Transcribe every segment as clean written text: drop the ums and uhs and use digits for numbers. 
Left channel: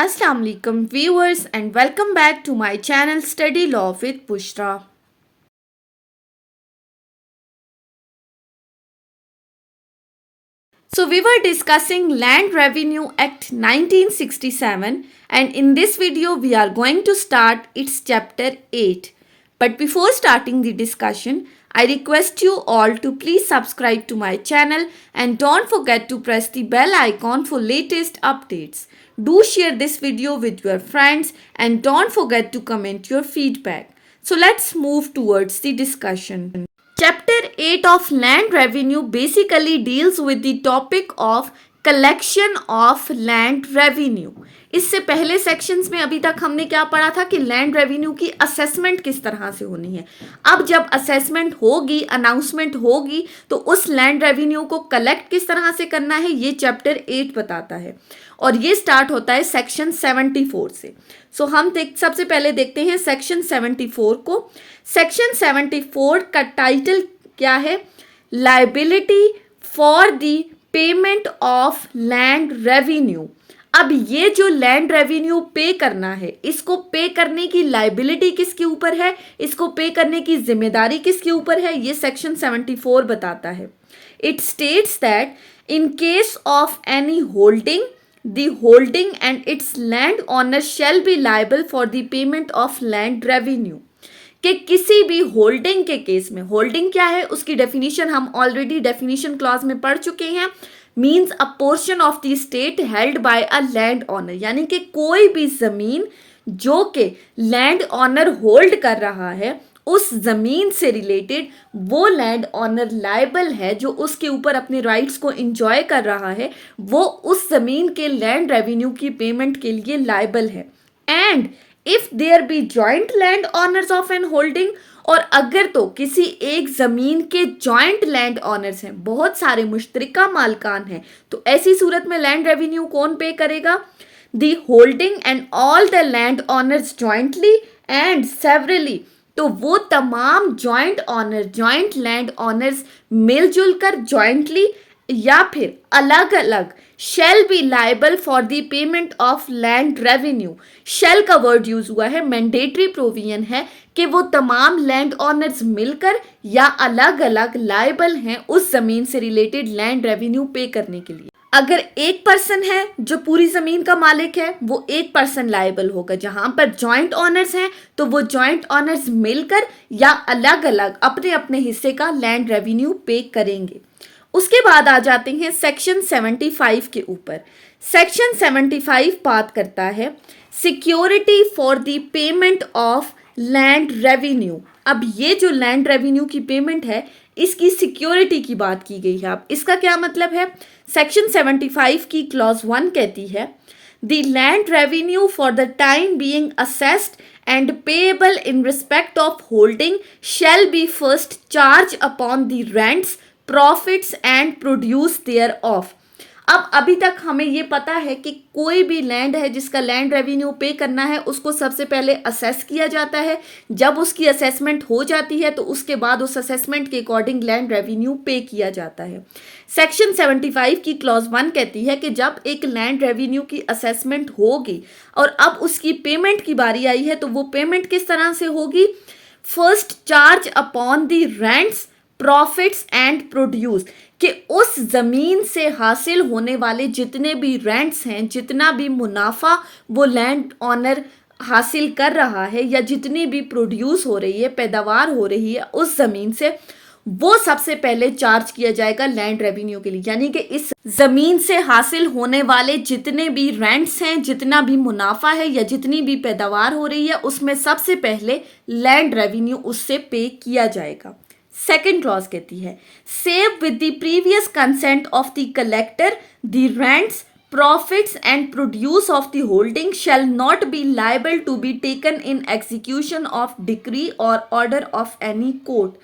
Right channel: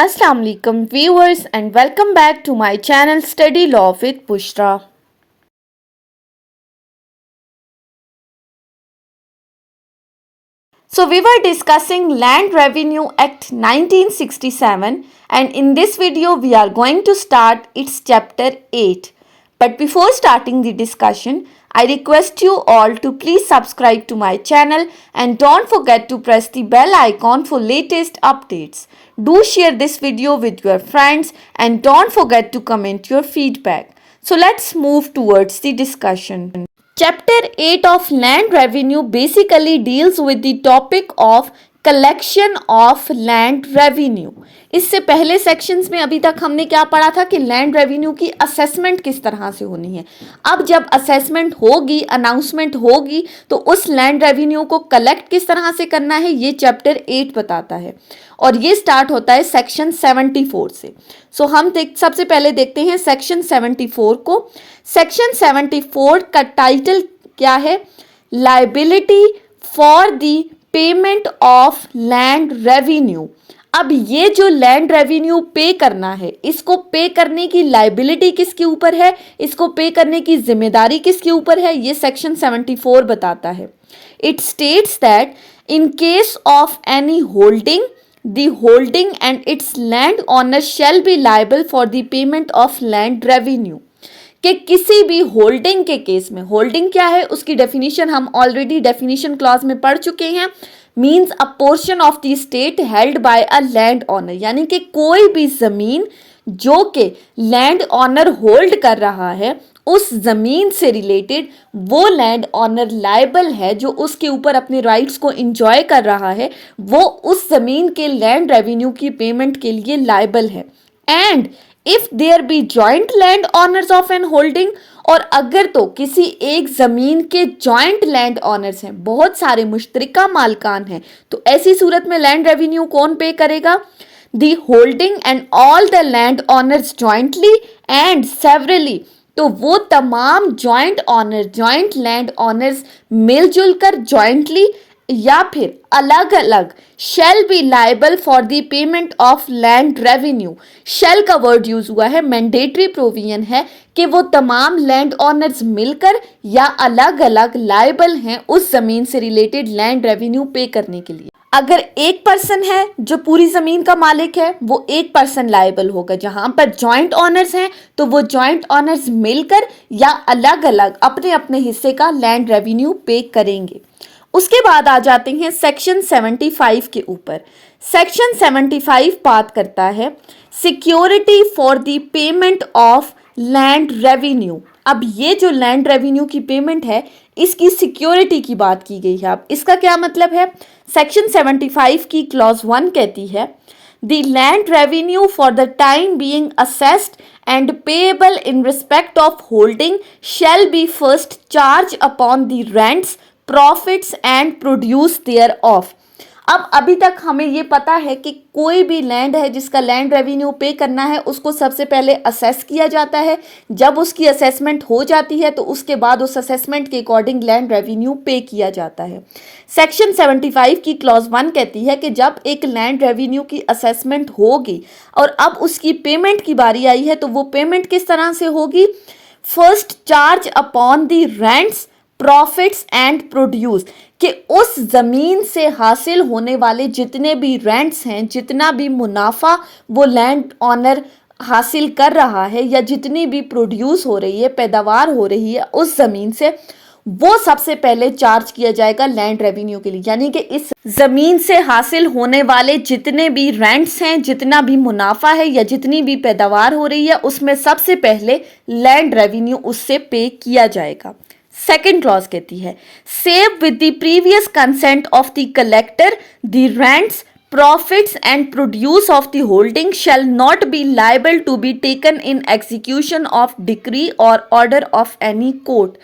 Assalamu alaikum viewers and welcome back to my channel Study Law with Bushra. So we were discussing Land Revenue Act 1967 and in this video we are going to start its chapter 8. But before starting the discussion, I request you all to please subscribe to my channel and don't forget to press the bell icon for latest updates. Do share this video with your friends and don't forget to comment your feedback. So let's move towards the discussion. Chapter 8 of Land Revenue basically deals with the topic of collection of land revenue. इससे पहले sections में अभी तक हमने क्या पढ़ा था कि लैंड रेवेन्यू की असेसमेंट किस तरह से होनी है। अब जब असेसमेंट होगी, अनाउंसमेंट होगी, तो उस लैंड रेवेन्यू को कलेक्ट किस तरह से करना है ये चैप्टर 8 बताता है और ये स्टार्ट होता है सेक्शन 74 से। सो हम सबसे पहले देखते हैं सेक्शन 74 को। सेक्शन 74 का टाइटल क्या है? Liability for the payment of land revenue. अब ये जो लैंड रेवेन्यू पे करना है, इसको पे करने की लायबिलिटी किसके ऊपर है, इसको पे करने की जिम्मेदारी किसके ऊपर है, ये सेक्शन 74 बताता है। It states that in case of any holding, the holding and its land owner shall be liable for the payment of land revenue। कि किसी भी होल्डिंग के केस में, होल्डिंग क्या है उसकी डेफिनेशन हम ऑलरेडी डेफिनेशन क्लॉज में पढ़ चुके हैं। Means a portion of the state held by a land owner, यानी कि कोई भी जमीन जो कि लैंड ऑनर होल्ड कर रहा है, उस जमीन से रिलेटेड वो लैंड ऑनर लायबल है, जो उसके ऊपर अपने राइट्स को एंजॉय कर रहा है, वो उस जमीन के लैंड रेवेन्यू की पेमेंट के लिए लायबल है। And if there be joint land owners of an holding, और अगर तो किसी एक जमीन के जॉइंट लैंड ऑनर्स हैं, बहुत सारे मुश्तरका मालकान हैं, तो ऐसी सूरत में लैंड रेवेन्यू कौन पे करेगा? The holding and all the land owners jointly and severally, तो वो तमाम joint owner, joint land owners मिलजुल कर जॉइंटली या फिर अलग अलग shall be liable for the payment of land revenue. Shall का वर्ड यूज हुआ है, मैंडेटरी प्रोविजन है कि वो तमाम लैंड ऑनर्स मिलकर या अलग अलग लायबल हैं उस जमीन से रिलेटेड लैंड रेवेन्यू पे करने के लिए। अगर एक पर्सन है जो पूरी जमीन का मालिक है, वो एक पर्सन लायबल होगा। जहां पर जॉइंट ऑनर्स हैं तो वो जॉइंट ऑनर्स मिलकर या अलग अलग अपने अपने हिस्से का लैंड रेवेन्यू पे करेंगे। उसके बाद आ जाते हैं सेक्शन 75 के ऊपर। सेक्शन 75 बात करता है security for the payment of land revenue. अब ये जो लैंड रेवेन्यू की पेमेंट है, इसकी सिक्योरिटी की बात की गई है। अब इसका क्या मतलब है? सेक्शन 75 की क्लॉज 1 कहती है the land revenue for the time being assessed and payable in respect of holding shall be first charged upon the rents, profits and produce thereof। अब अभी तक हमें ये पता है कि कोई भी लैंड है जिसका लैंड रेवेन्यू पे करना है, उसको सबसे पहले असेस किया जाता है। जब उसकी असेसमेंट हो जाती है तो उसके बाद उस असेसमेंट के अकॉर्डिंग लैंड रेवेन्यू पे किया जाता है। सेक्शन 75 की क्लॉज 1 कहती है कि जब एक लैंड रेवेन्यू की असेसमेंट होगी और अब उसकी पेमेंट की बारी आई है, तो वो पेमेंट किस तरह से होगी? First charge upon the rents, profits and produce, कि उस जमीन से हासिल होने वाले जितने भी रेंट्स हैं, जितना भी मुनाफा वो लैंड ऑनर हासिल कर रहा है या जितनी भी प्रोड्यूस हो रही है, पैदावार हो रही है उस जमीन से, वो सबसे पहले चार्ज किया जाएगा लैंड रेवेन्यू के लिए। यानी कि इस जमीन से हासिल होने वाले जितने भी रेंट्स हैं, जितना भी मुनाफा है या जितनी भी पैदावार हो रही है, उसमें सबसे पहले लैंड रेवेन्यू उससे पे किया जाएगा। सेकेंड क्लॉज कहती है save with the previous consent of the collector the rents, profits and produce of the holding shall not be liable to be taken in execution of decree or order of any court।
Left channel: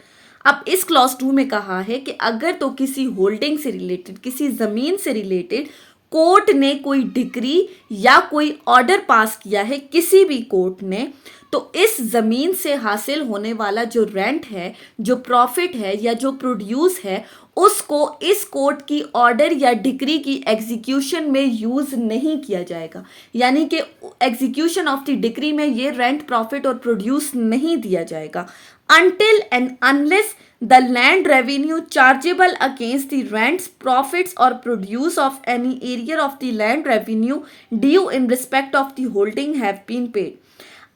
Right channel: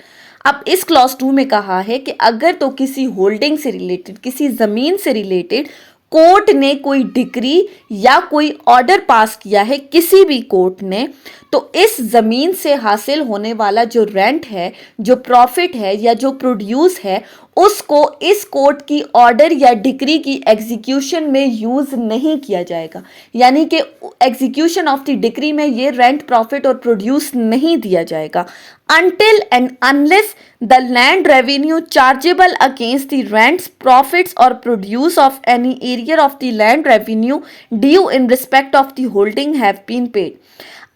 अब इस clause 2 में कहा है कि अगर तो किसी holding से रिलेटेड, किसी जमीन से रिलेटेड कोर्ट ने कोई डिक्री या कोई ऑर्डर पास किया है, किसी भी कोर्ट ने, तो इस जमीन से हासिल होने वाला जो रेंट है, जो प्रॉफिट है या जो प्रोड्यूस है, उसको इस कोर्ट की ऑर्डर या डिक्री की एग्जीक्यूशन में यूज नहीं किया जाएगा। यानी कि एग्जीक्यूशन ऑफ द डिक्री में ये रेंट, प्रॉफिट और प्रोड्यूस नहीं दिया जाएगा until and unless the land revenue chargeable against the rents, profits or produce of any area of the land revenue due in respect of the holding have been paid.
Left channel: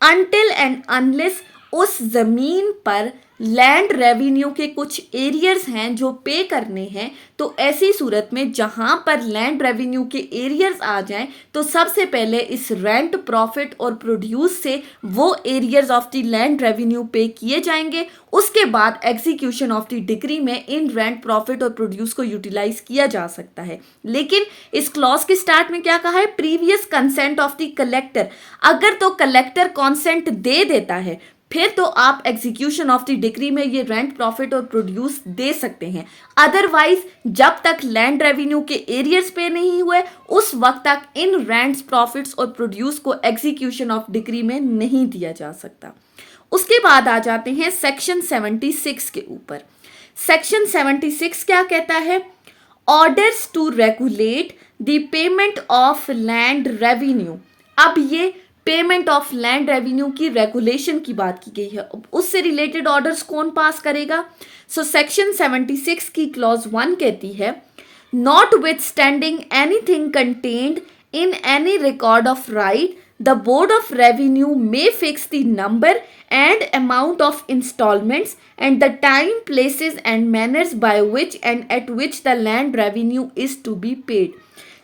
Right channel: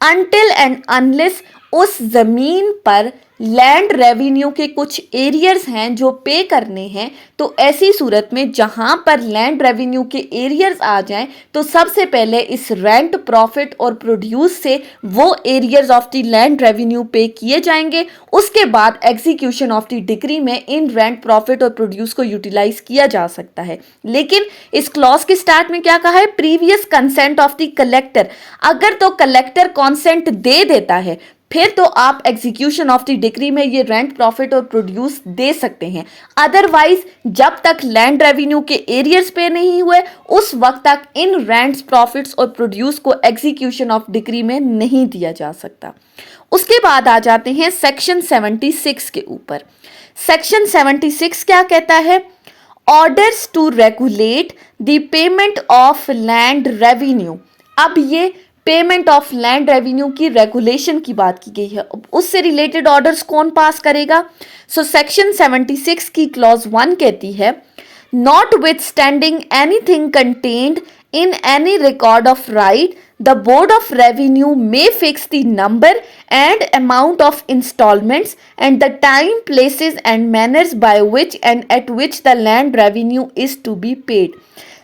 Until and unless उस जमीन पर land revenue के कुछ arrears हैं जो पे करने हैं, तो ऐसी सूरत में जहां पर लैंड रेवेन्यू के एरियर्स आ जाएं तो सबसे पहले इस रेंट, प्रॉफिट और प्रोड्यूस से वो arrears of the land revenue पे किए जाएंगे। उसके बाद एग्जीक्यूशन ऑफ द डिक्री में इन रेंट, प्रॉफिट और प्रोड्यूस को यूटिलाइज किया जा सकता है। लेकिन इस क्लॉज के स्टार्ट में क्या कहा है? Previous consent of the collector. अगर तो कलेक्टर कॉन्सेंट दे देता है फिर तो आप एग्जीक्यूशन ऑफ द डिक्री में ये रेंट, प्रॉफिट और प्रोड्यूस दे सकते हैं। अदरवाइज जब तक लैंड रेवेन्यू के एरियर्स पे नहीं हुए उस वक्त तक इन रेंट्स, प्रॉफिट्स और प्रोड्यूस को एग्जीक्यूशन ऑफ डिक्री में नहीं दिया जा सकता। उसके बाद आ जाते हैं सेक्शन 76 के ऊपर। सेक्शन 76 क्या कहता है? Orders to regulate the payment of land revenue. अब ये पेमेंट ऑफ लैंड रेवेन्यू की रेगुलेशन की बात की गई है। उससे रिलेटेड ऑर्डर्स कौन पास करेगा? सो सेक्शन 76 की क्लॉज 1 कहती है, not with standing anything contained in any record of right, the board of revenue may fix the number and amount of installments and the time, places and manners by which and at which the land revenue is to be paid.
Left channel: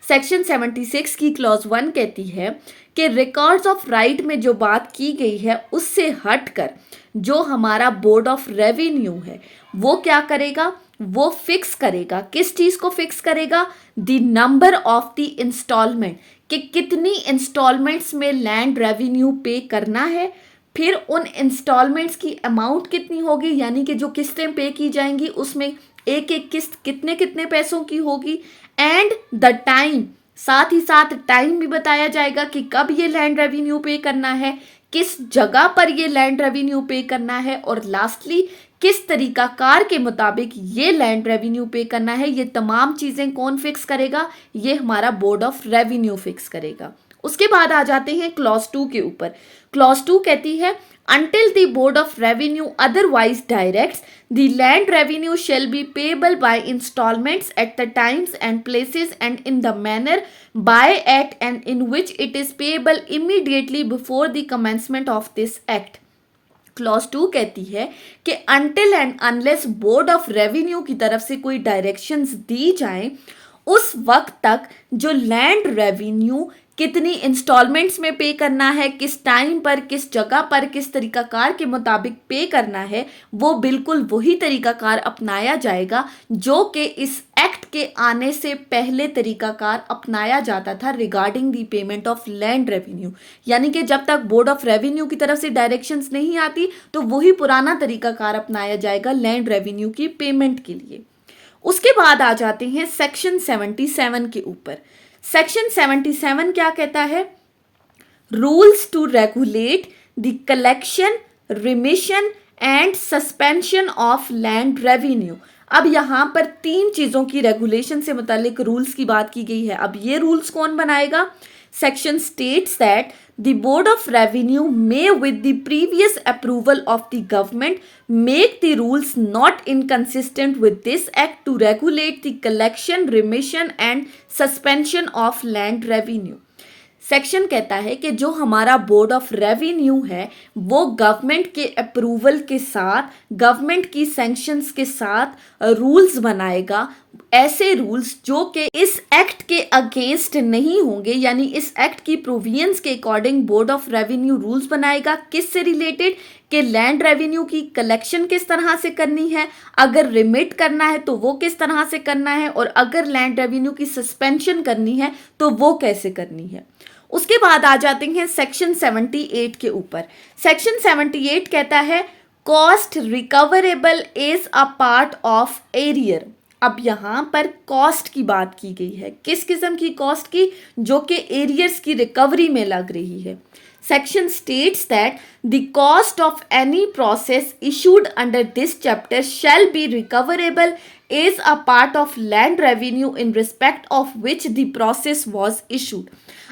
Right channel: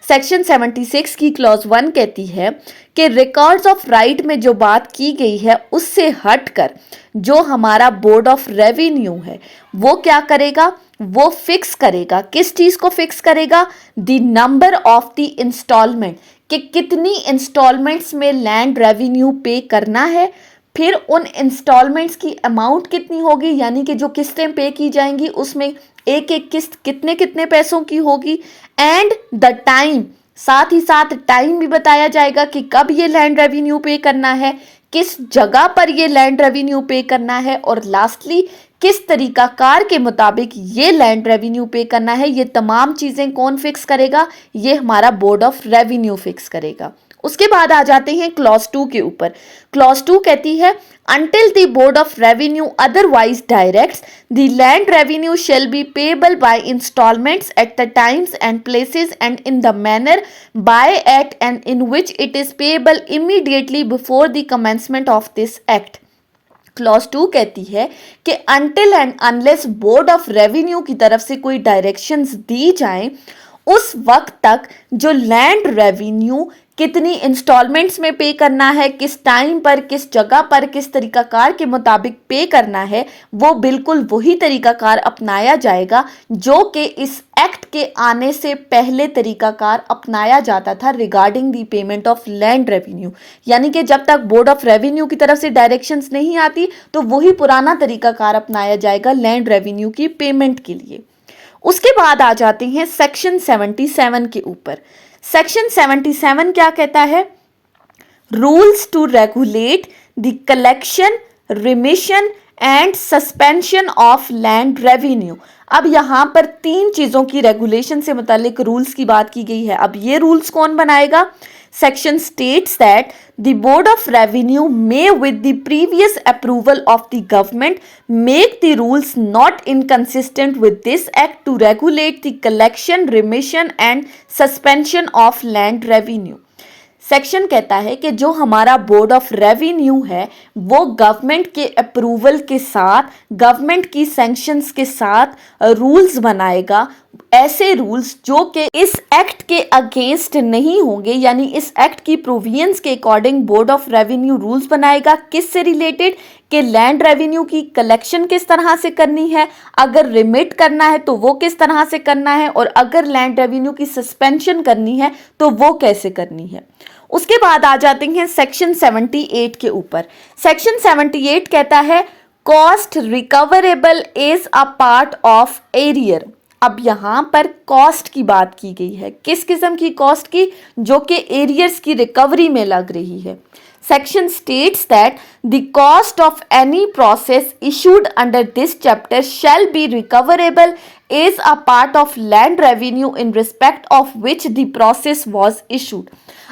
Section 76 की clause 1 कहती है कि records of right में जो बात की गई है उससे हटकर जो हमारा बोर्ड ऑफ रेवेन्यू है वो क्या करेगा? वो फिक्स करेगा। किस चीज को फिक्स करेगा? The number of the installment, कि कितनी इंस्टॉलमेंट्स में लैंड रेवेन्यू पे करना है, फिर उन इंस्टॉलमेंट्स की अमाउंट कितनी होगी, यानी कि जो किस्तें पे की जाएंगी उसमें एक एक किस्त कितने कितने पैसों की होगी, एंड द टाइम, साथ ही साथ टाइम भी बताया जाएगा कि कब ये लैंड रेवेन्यू पे करना है, किस जगह पर ये लैंड रेवेन्यू पे करना है, और लास्टली किस तरीकाकार के मुताबिक ये लैंड रेवेन्यू पे करना है। ये तमाम चीज़ें कौन फिक्स करेगा? ये हमारा बोर्ड ऑफ रेवेन्यू फिक्स करेगा। उसके बाद आ जाते हैं क्लॉज 2 के ऊपर। क्लॉज 2 कहती है, until the board of revenue otherwise directs, the land revenue shall be payable by installments at the times and places and in the manner by act and in which it is payable immediately before the commencement of this act. Clause 2 कहती है कि until and unless board of revenue की तरफ से कोई directions दी जाएं उस वक्त तक जो लैंड रेवेन्यू कितनी इंस्टॉलमेंट्स में पे करना है, किस टाइम पर, किस जगह पर, किस तरीकाकार के मुताबिक पे करना है, वो बिल्कुल वही तरीकाकार अपनाया जाएगा जो कि इस एक्ट के आने से पहले तरीकाकार अपनाया जाता था regarding the payment of land revenue. यानी कि जब तक बोर्ड ऑफ रेवेन्यू की तरफ से डायरेक्शंस नहीं आती तो वही पुराना तरीकाकार अपनाया जाएगा लैंड रेवेन्यू की पेमेंट के लिए। उसके बाद आ जाते हैं सेक्शन 77 के ऊपर। सेक्शन 77 क्या कहता है? Rules to regulate the collection, remission and suspension of land revenue. अब यहाँ पर 3 चीज़ों की रेगुलेशन से मुतालिक रूल्स की बात की गई है। अब ये रूल्स कौन बनाएगा? Section states that the Board of Revenue may, with the previous approval of the government, make the rules not inconsistent with this act to regulate the collection, remission and suspension of land revenue. Section कहता है कि जो हमारा board of revenue है वो government के approval के साथ, गवर्नमेंट की सैंक्शंस के साथ रूल्स बनाएगा, ऐसे रूल्स जो कि इस एक्ट के अगेंस्ट नहीं होंगे, यानी इस एक्ट की प्रोविजंस के according board of revenue rules बनाएगा। किससे रिलेटेड? कि लैंड रेवेन्यू की कलेक्शन किस तरह से करनी है, अगर रिमिट करना है तो वो किस तरह से करना है, और अगर लैंड रेवेन्यू की सस्पेंशन करनी है तो वो कैसे करनी है। उसके बाद आ जाते हैं सेक्शन 78 के ऊपर। सेक्शन 78 कहता है cost recoverable is a part of arrear. अब यहाँ पर कॉस्ट की बात की गई है। किस किस्म की कॉस्ट की? जो कि एरियर्स की रिकवरी में लग रही है। Section states that the cost of any process issued under this chapter shall be recoverable is a part of land revenue in respect of which the process was issued।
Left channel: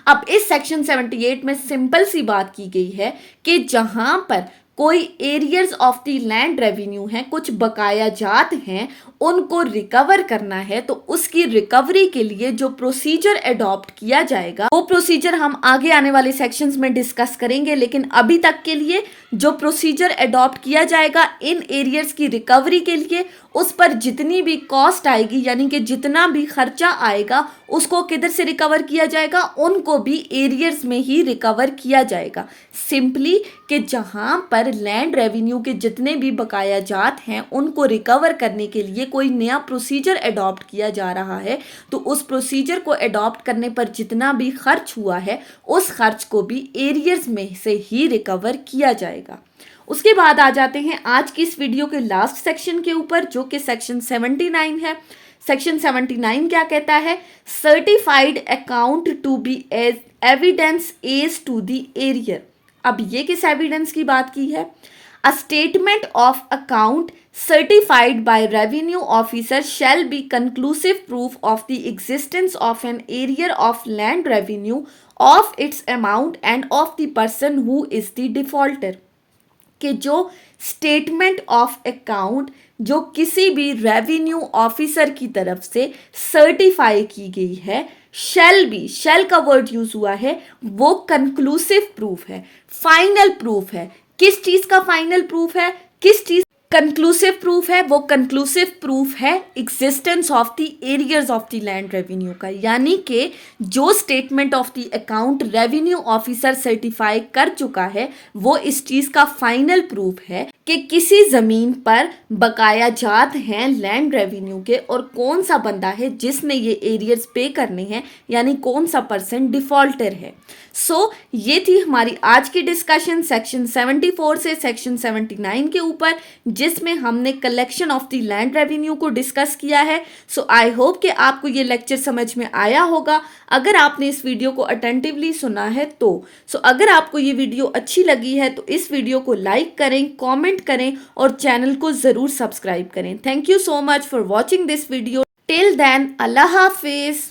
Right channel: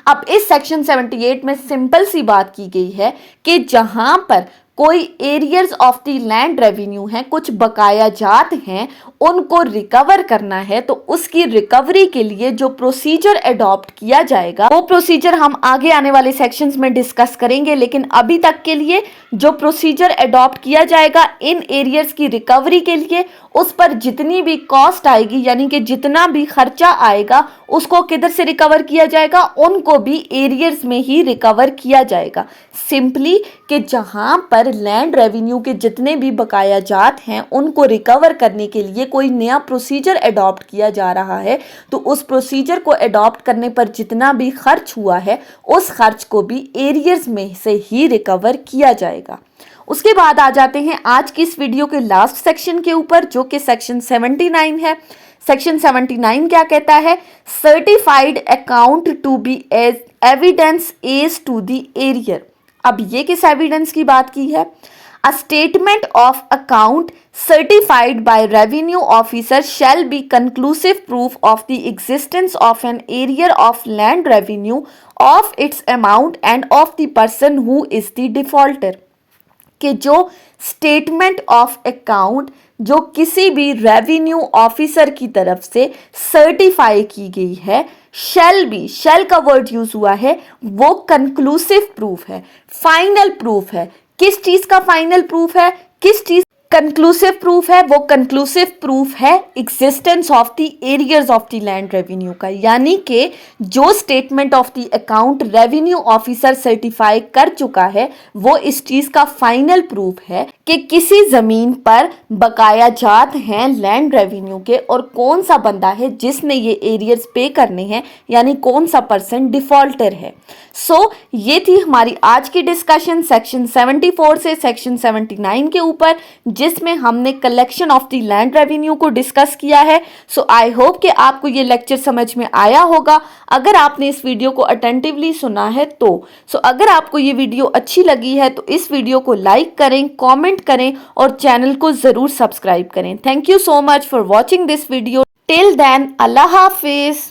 अब इस section 78 में simple सी बात की गई है कि जहां पर कोई arrears of the land revenue है, कुछ बकाया जात हैं, उनको रिकवर करना है, तो उसकी रिकवरी के लिए जो प्रोसीजर अडॉप्ट किया जाएगा वो प्रोसीजर हम आगे आने वाले सेक्शंस में डिस्कस करेंगे। लेकिन अभी तक के लिए जो प्रोसीजर अडॉप्ट किया जाएगा इन एरियर्स की रिकवरी के लिए, उस पर जितनी भी कॉस्ट आएगी यानी कि जितना भी खर्चा आएगा उसको किधर से रिकवर किया जाएगा, उनको भी एरियर्स में ही रिकवर किया जाएगा। सिंपली कि जहां पर लैंड रेवेन्यू के जितने भी बकाया जात हैं उनको रिकवर करने के लिए कोई नया प्रोसीजर अडॉप्ट किया जा रहा है, तो उस प्रोसीजर को अडॉप्ट करने पर जितना भी खर्च हुआ है उस खर्च को भी एरियर्स में से ही रिकवर किया जाएगा। उसके बाद आ जाते हैं आज की इस वीडियो के लास्ट सेक्शन के ऊपर, जो कि सेक्शन 79 है। सेक्शन 79 क्या कहता है? Certified account to be as evidence as to the arrear. अब ये किस एविडेंस की बात की है? A statement of account certified by revenue officer shall be conclusive proof of the existence of an arrear of land revenue, of its amount and of the person who is the defaulter। कि जो statement of account जो किसी भी revenue officer की तरफ से certify की गई है, शैल बी, शैल का वर्ड यूज हुआ है, वो कंक्लूसिव प्रूफ है, फाइनल प्रूफ है। किस चीज का फाइनल प्रूफ है? किस चीज कंक्लूसिव प्रूफ है? वो कंक्लूसिव प्रूफ है existence of the arrears of the land revenue का। यानी कि जो statement of the account revenue officer certify कर चुका है वो इस चीज का फाइनल प्रूफ है कि किसी जमीन पर बकाया जात हैं लैंड रेवेन्यू के, और कौन सा बंदा है जिसने ये एरियर्स पे करने हैं, यानी कौन सा पर्सन डिफॉल्टर है। ये थी हमारी आज की डिस्कशन सेक्शन 74 से सेक्शन 79 के ऊपर, जिसमें हमने collection of the land revenue को डिस्कस किया है। आई होप कि आपको ये लेक्चर समझ में आया होगा। अगर आपने इस वीडियो को अटेंटिवली सुना है तो अगर आपको ये वीडियो अच्छी लगी है तो इस वीडियो को लाइक करें, कमेंट करें और चैनल को ज़रूर सब्सक्राइब करें। Thank you so much for watching this video. Till then, अल्लाह हाफिज़।